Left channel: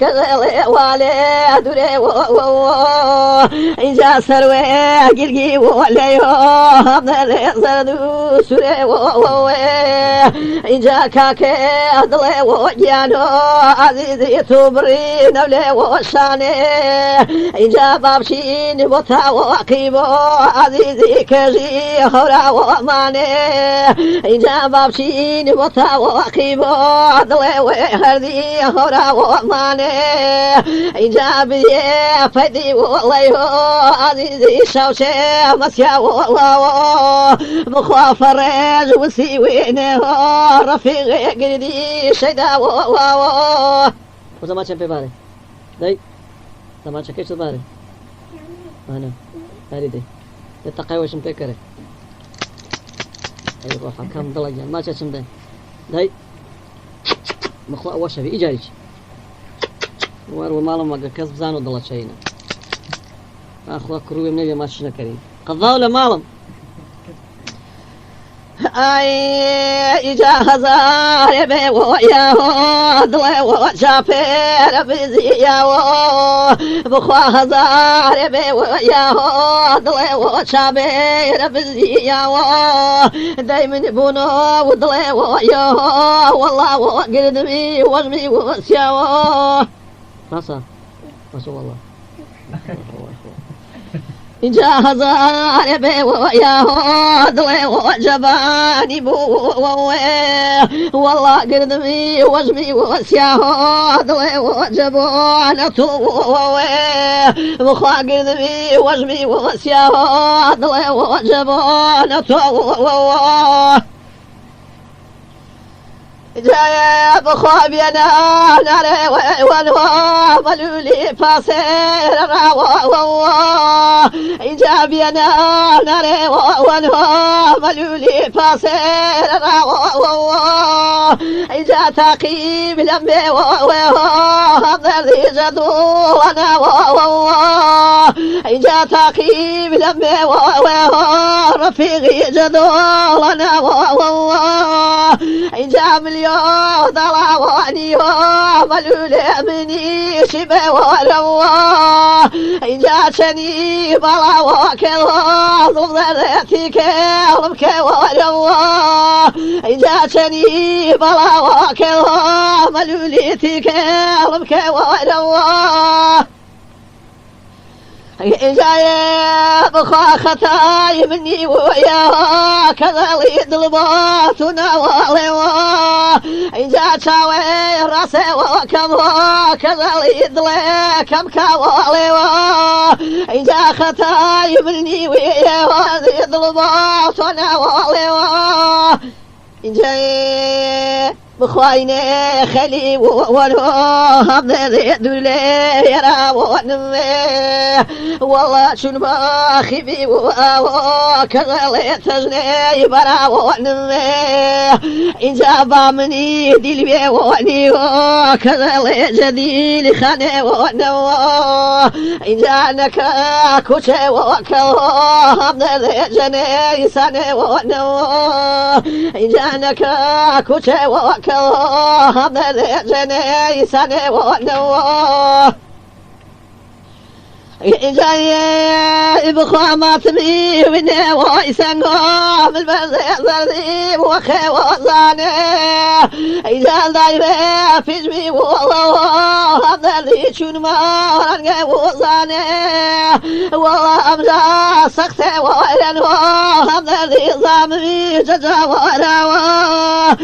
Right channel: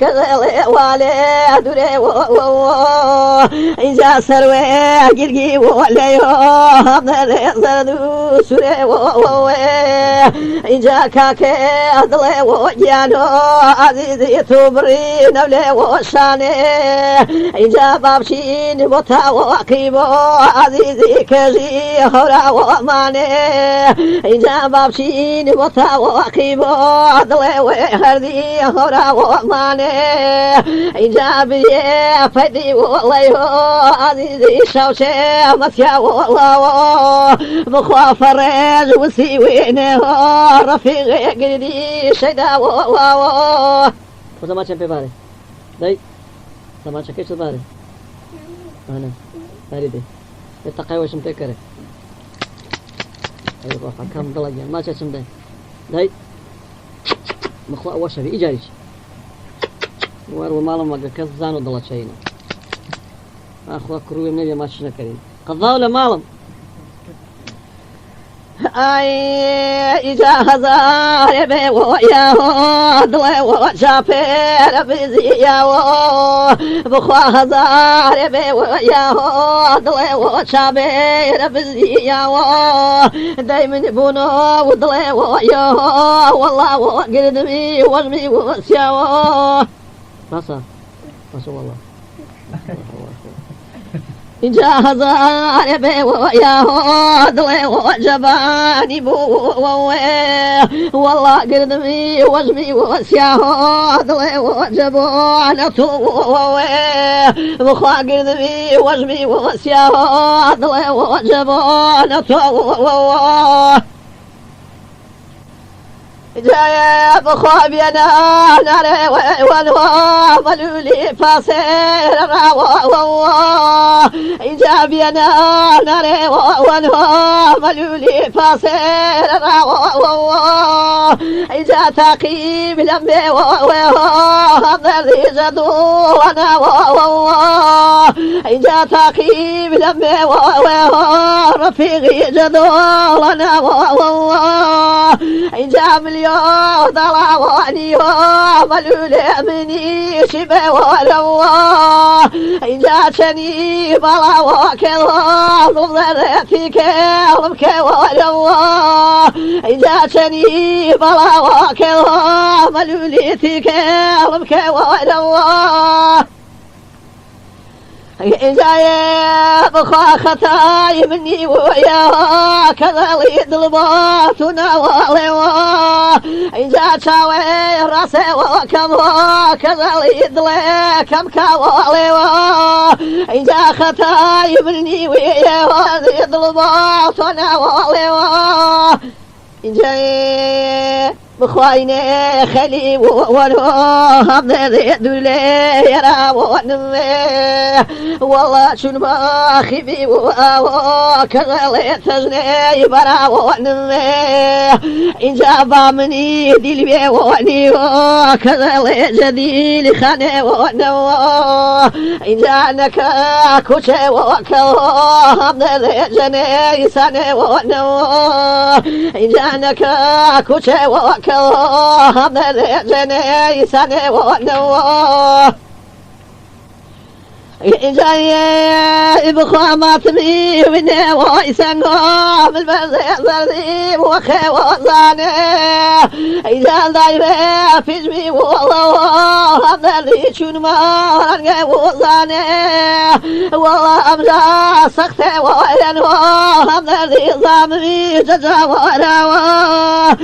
كذا والي دري إذا سروي جلجي ولا يوم زردو سري إذا كاكي أدلي وجانو عزيزي تبري نولي وشاني إذا بابشين متوقيبو عزيزي كجي هرا وماني إذا بابشين متوقيبو عدلي وحردي هرا وماني إذا بي فدي والله عزيزي شوشي مسيا والله مخافر وسيوينه رفيق قردي شيدا والله وزمان شنبي باري داي زمان شكيش باري أنا باري دي التقوى وش متكره أيوة كم ضلجة ما شاء شنبي داي مخلوق وش في إيجاريش وارو مالهم ما كسب زانو ضل شينا أخوة كروي مني ما شنا كريم قضاء ولا مالهم أي إجازة ربي وياه ضل وشافر بزياه بخوا ربي وياه ضل وشافر بزياه دايما بونو وضل وياه والله وقردمي وجمي وسياه رسول الله جاهز ربي وياه ضلي وجباني بو والله قردمي وجمي وسياه ضلي وجباني بخوا قردمي وجمي وسياه ضلي وجباني جاي بخوا بينا ناري والوا ملولي فاسر جا بينا ناري والوا ملولي فاسر جا تقيب لمبي وهذا جدو وانا جا تقيب لمبي رفيقي جدو وانا جا مليون ضلا واني ملولي مني شبه ولو جاتني بلا وكل ضرتي كلمك ولو جاتني بلا وكل ملولي كلمك ولو جاي بخوا خطاي مني وياه كذلك ضلباتنا والله جا شاوي راسي وكم كذلك ضلي كم كوالي جا خطاي مني وياه ضلباتنا والله جاي بخوايني خلي ونوه بذي دولي يرى ونمي والله شنو ما خبي وكذلك تجني برا ونمي إن جابا مني دلبي وني وكذلك جديل خاني ونو إن جانك كوشي وكذلك بذي جني ساني ونو إن جانك كوشي وكذلك جني سنة ونواه جاي بخوا ما تبي مني ويسنقوا بالبزيب وخي وزاني إذا دايرة في جبي والله هذا اللي شون ما رنقي وزاني والله أمجا سختي وينواه هذا اللي ظامي ججا وراواه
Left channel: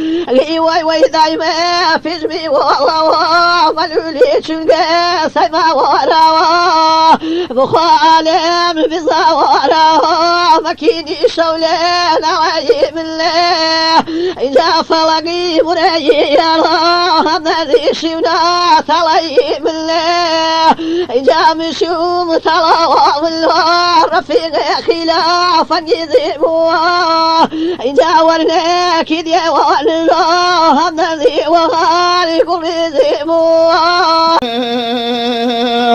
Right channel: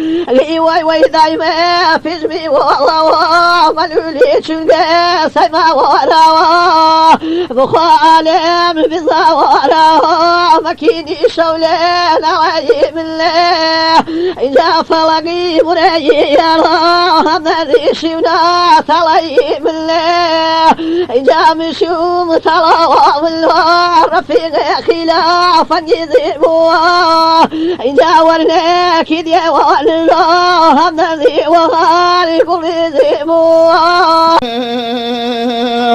وي دايما في جبي والله ملولي شنقي سيما وراواه بخوا عالم بزواره مكيني شولين وعيب الله إذا فلقي مريي يراه مذي شونا تليب الله إذا مشوم تلاوى الله رفيق خلافا يذيبوه إذا ورناك ديوان الله مذي وغالكم يذيبوه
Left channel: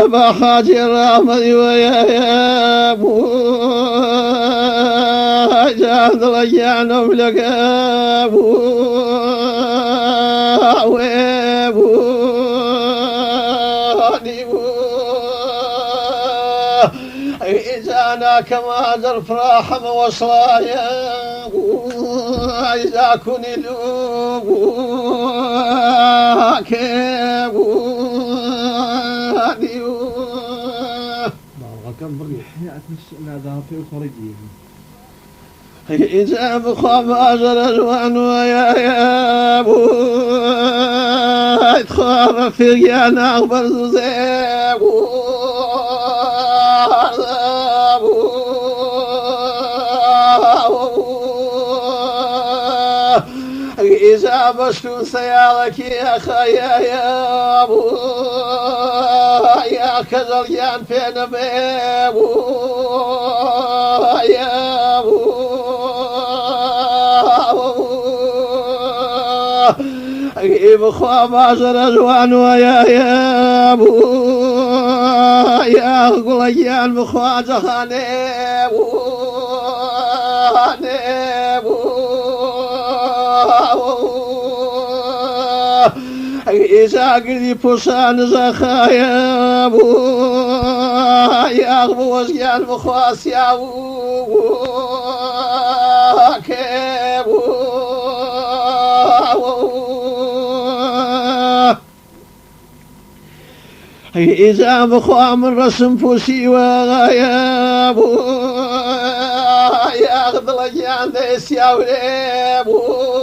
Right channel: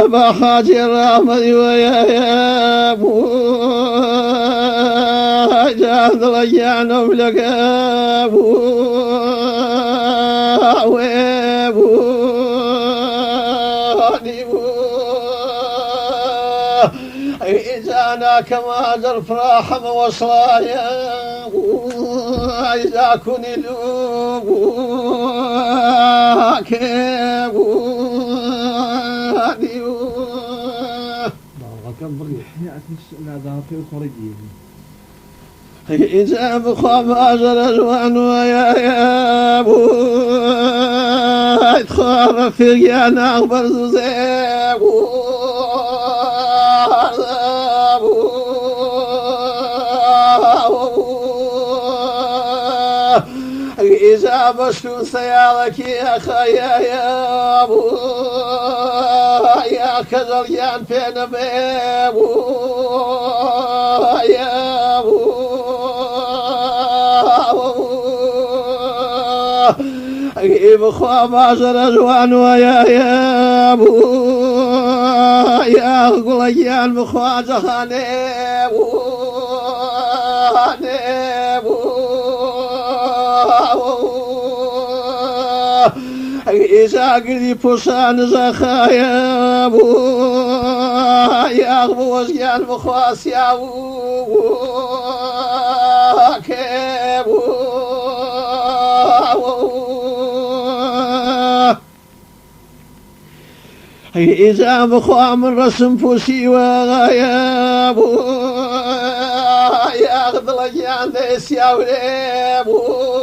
بخاجر أحمد ويا أبو جاهد رجعنا لك أبو إذا كما الفراح وصلايا إذا كني إذا بخاب أجر الوان ويا أبو خاب في أنا أخبر زيبو إذا بشتو سيالك يا خيا يا أبو يا كذليان فين بيبو يا أبو بخوا معشر الوان ويا أبو يا غليان بخوا جهانيبو إذا قدي فسان زخايا أبو يا غوزيان بخواس يا أبو كيبو إذا بخوا من رسم فوسي ويا أبو يا غضلجان ديس يا وليبو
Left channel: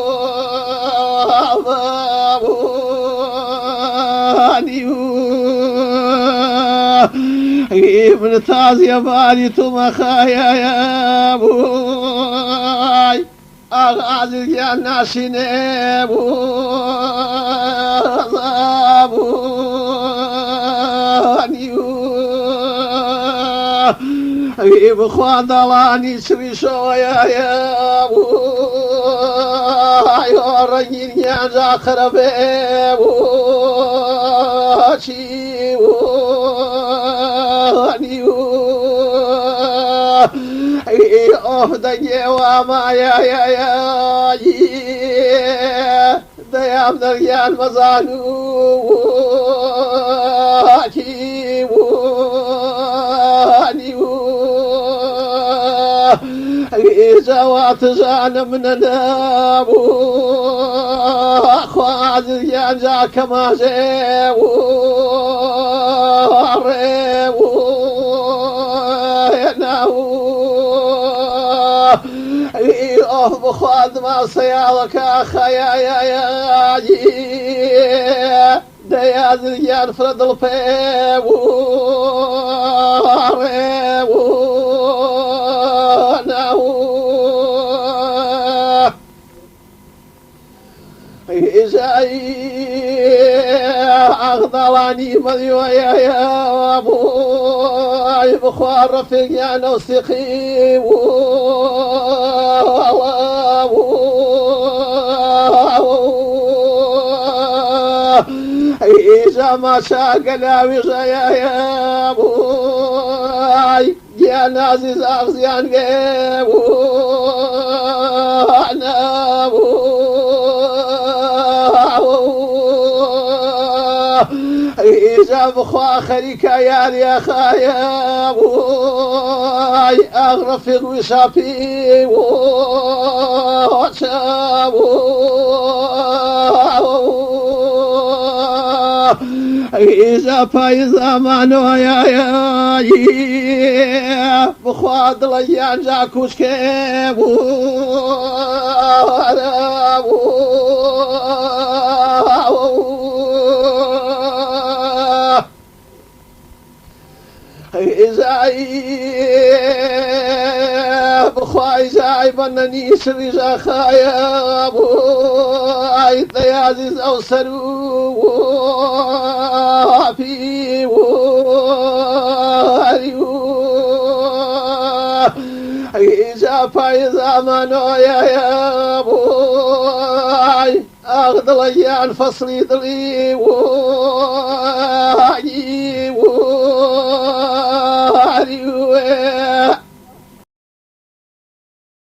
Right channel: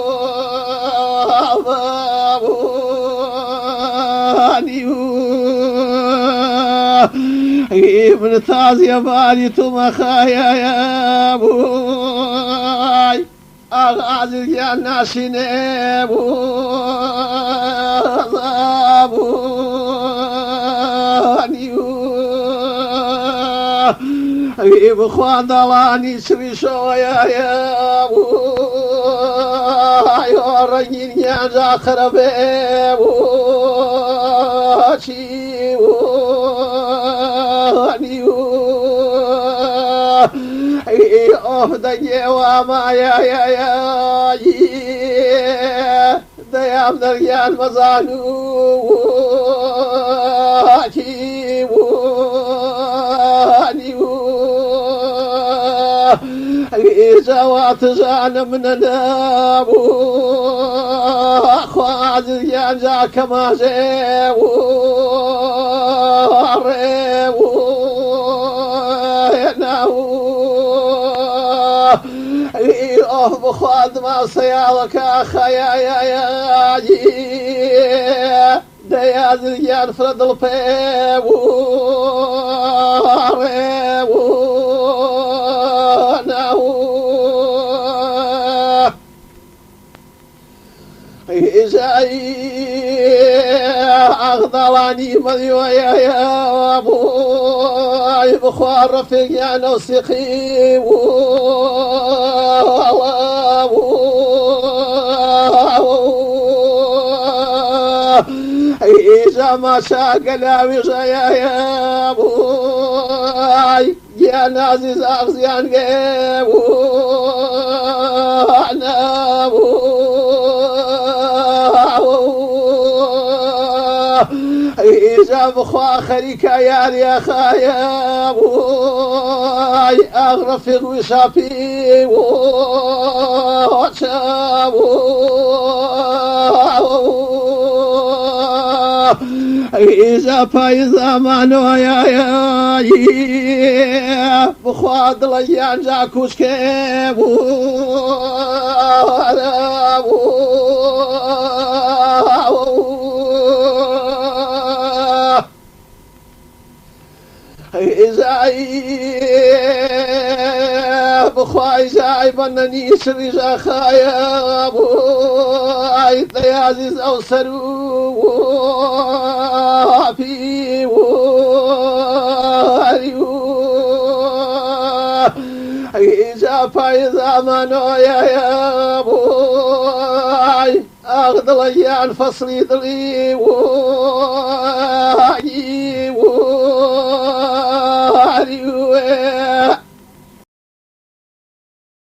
ابن تازي بالي ثم خايا يا أبوي أغازي يا ناسين أبوي بخوان ضلاني سوي سويا يا أبوي ورجين يا زاخر دنيا وما يا ديام دريان مزانو زوات زان من النابو خواد يا ذاك ما زيو بخواد ما سيالك أخيا يا دياد ينفرد البيبو أغضلاني مذيو يا أبوي بخوار رفيق أنا وسقي إذا ما ساق لاوي يا أبوي يا نازز أغزيان قيبو أنا إذا بخوا خليك يا خايا أبوي أغرف الوشافي إذا فايزا مانو يا بخوا ضليان جاكوس كيبو بخواي زايبنني سري زخايا أبوي عزيز أو سرو في إذا فايزا منو يا أبوي أغضل يان فصلي ضلي